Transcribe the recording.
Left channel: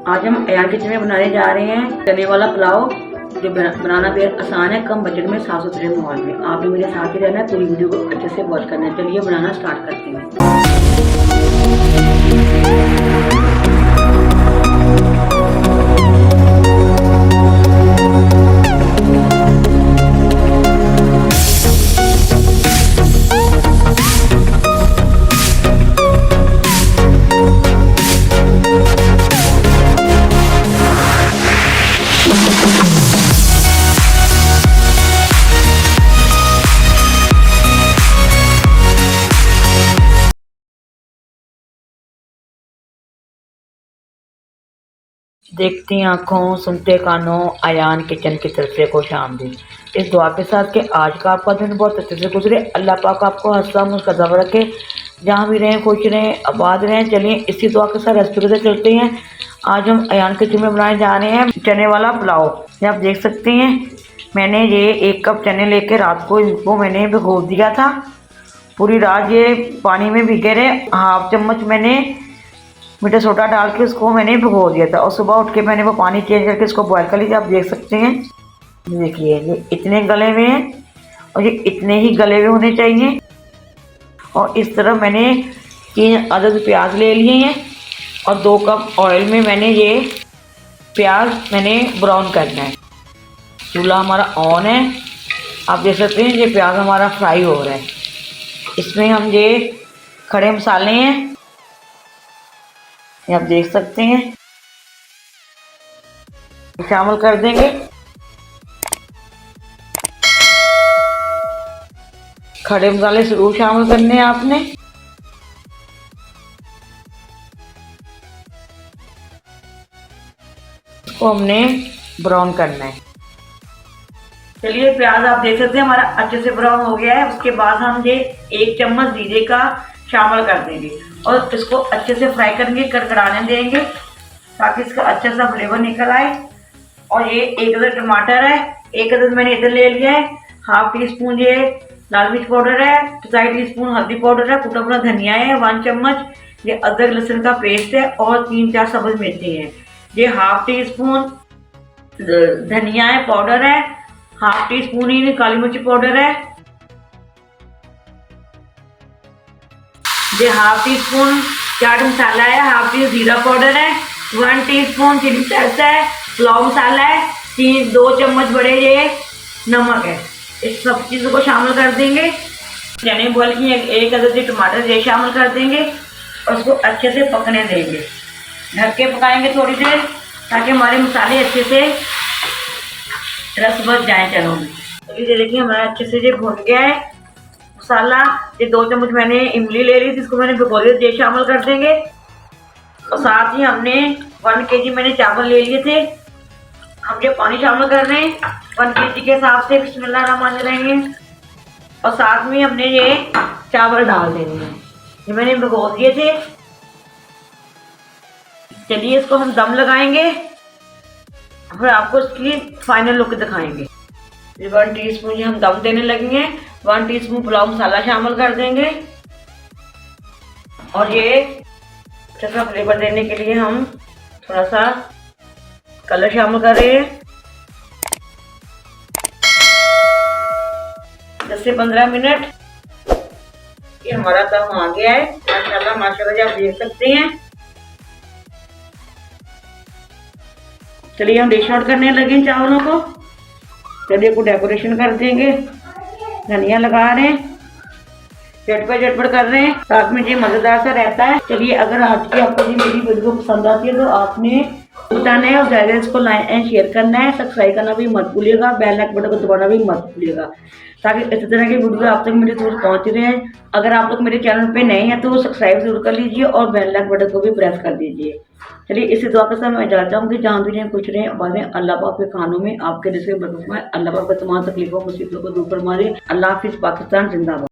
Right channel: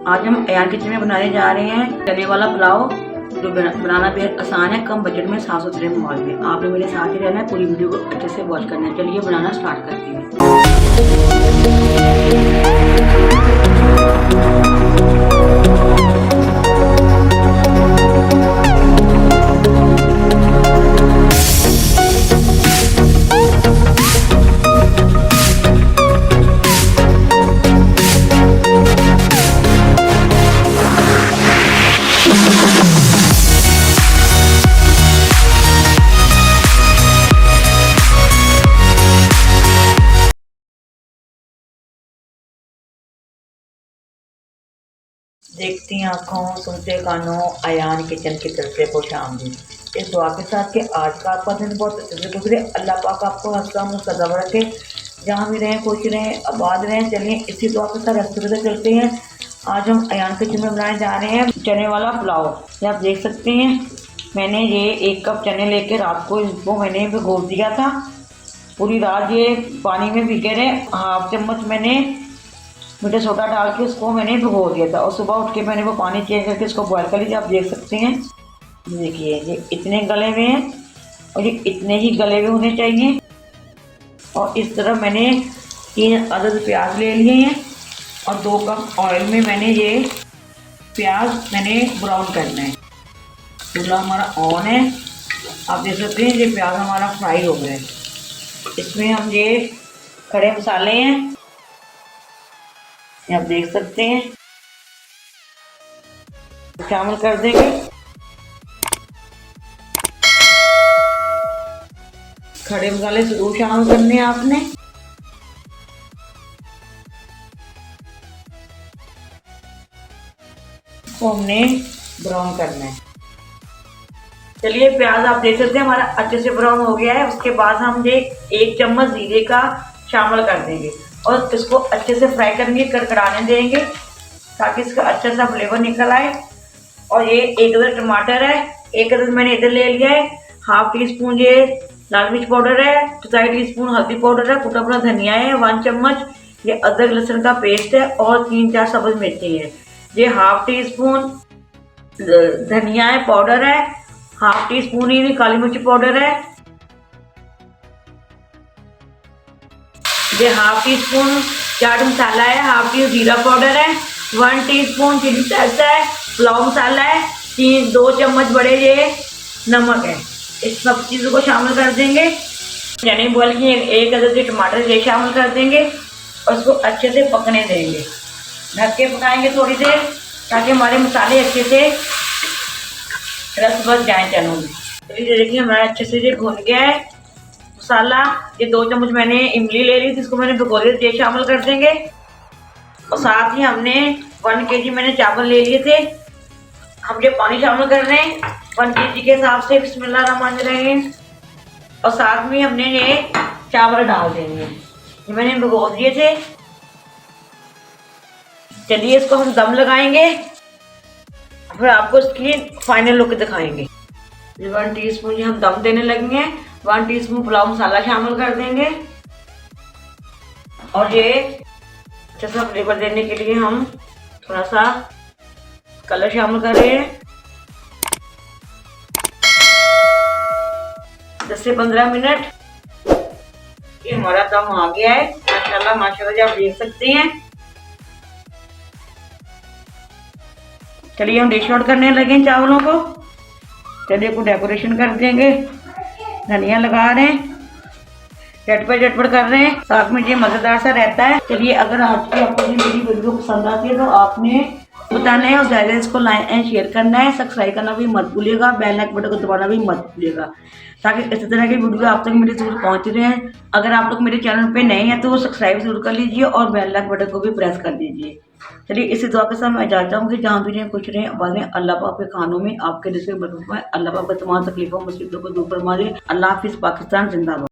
आज हम अयान किचन में बनाने जा रहे हैं चने वाला पुलाव, जो बनाना बेहद आसान है, कम बजट में, साफ सुथरे माहौल में। आपने मेरे साथ ही रहना है, पूरी वीडियो को अच्छे से वॉच करना है। चलिए बनाना स्टार्ट करते हैं। देखती आंखों, सुनते कानों, अयान किचन की तरफ से खुशामदीद। इस दुआ के साथ कि आज का आपका दिन बहुत अच्छे से गुजरे। अल्लाह पाक आपको हंसता मुस्कुराता रखे, जहाँ भी रहें खुश रहें, आबाद रहें। चलिए इसी दुआ के साथ रेसिपी से चलते हैं। आज हम अयान किचन में बनाने जा रहे हैं चने वाला पुलाव। ये आप देख सकते हैं, मैंने ये 1 कप चने लेके रात को इनको मैंने भिगो दिया था। पूरी रात ये पानी में भीगे रहे। हाफ चम्मच मैंने मीठा सोडा डाल के उसको मैंने भिगो दिया था, और सुबह उठ के मैंने वो पानी चेंज करके इसको बॉयल कर लिया। आप देख सकते हैं, देखिए ये इतने गले हुए हैं और ये इतने ही गले हुए होने चाहिए। और इस तरह मैंने 3 अदद प्याज ले लिए हैं, और 2 कप ऑयल में मैंने ये प्याज मैंने ब्राउन करना है। चूल्हा हमारा ऑन है, आप देख सकते हैं ये प्याज हमारा फ्राई हो रहा है। इसमें हम ये खड़े मसाले हैं, आप देख सकते हैं, शामिल कर देंगे। खड़े मसाले जरूर शामिल करने हैं आपने। तो हमने ब्राउन करना है। चलिए प्याज आप देख सकते हैं हमारा अच्छे से ब्राउन हो गया है। उसके बाद हम ये 1 चम्मच जीरे का शामिल कर देंगे और इसको अच्छे से फ्राई करेंगे, कड़कड़ाने देंगे ताकि इसका अच्छा सा फ्लेवर निकल आए। और ये 1 अदद टमाटर है, 1 अदद मैंने इधर ले लिया है। हाफ टी स्पून ये लाल मिर्च पाउडर है, 2 टीस्पून हल्दी पाउडर है, कुटा हुआ धनिया है, 1 चम्मच ये अदरक लहसुन का पेस्ट है, और 3-4 सब्ज मिर्ची है। ये हाफ टी स्पून धनिया है पाउडर है, हाफ टी स्पून ही काली मिर्च पाउडर है, ये half tea spoon chaat masala है, हाफ टी जीरा पाउडर है, 1 टीस्पून चिली सॉस है, पुलाव मसाला है, 2 चम्मच बड़े ये नमक है। इस सब चीज़ों को शामिल कर देंगे। चने बॉयल की 1 अदद टमाटर ये शामिल कर देंगे और उसको अच्छे से पकने देंगे। ढक के पकाएंगे थोड़ी देर ताकि हमारे मसाले अच्छे से रस बच जाए चनों में। ये देखिए हमारा अच्छे से ये भुन गया है मसाला। ये 2 चम्मच मैंने इमली ले ली थी, इसको मैंने भिगो लिया, ये शामिल कर देंगे। और साथ ही हमने 1 kg मैंने चावल ले लिए थे, हम ये पानी शामिल कर रहे हैं 1 kg के हिसाब से। बिस्मिल्लाहिर्रहमानिर्रहीम। और साथ में हमने ये चावल डाल देंगे, ये मैंने भिगो दिए थे। चलिए इसको हम दम लगाएंगे, फिर आपको इसकी फाइनल लुक दिखाएंगे। 1 टीस्पून हम दम देने लगेंगे। 1 टीस्पून पुलाव मसाला शामिल कर देंगे, और ये अच्छा सा फ्लेवर देने के लिए हम थोड़ा सा कलर शामिल कर रहे हैं। 10 से 15 मिनट ये हमारा दम आ गया है। माशाल्लाह माशाल्लाह आप देख सकते हैं। चलिए हम डिश आउट करने लगे चावलों को। चलिए को डेकोरेशन कर देंगे, धनिया लगा रहे हैं, झटपट कर रहे हैं, साथ में ये मजेदार सा रहता है। चलिए अगर आज की आपको मेरी वीडियो पसंद आती है तो आपने बताना है, और ज़्यादा इसको लाइक एंड शेयर करना है, सब्सक्राइब करना भी मत भूलिएगा, बेल आइकन बटन को दबाना भी मत भूलिएगा, ताकि इस तरह की वीडियो आप तक मेरे जरूर पहुंच रहे हैं। अगर आप लोग मेरे चैनल पे नए हैं तो सब्सक्राइब जरूर कर लीजिए और बेल आइकन बटन को भी प्रेस कर दीजिए। चलिए इसी दुआ के साथ मैं जाता हूँ कि जहाँ भी रहें कुछ रहें आबाद रहें। अल्लाह पाक के खानों में आपके रिज़्क़ में बरकत फरमाए। अल्लाह पाक तमाम तकलीफों मुसीबतों को दूर फरमा दे। अल्लाह हाफिज़। पाकिस्तान जिंदाबाद।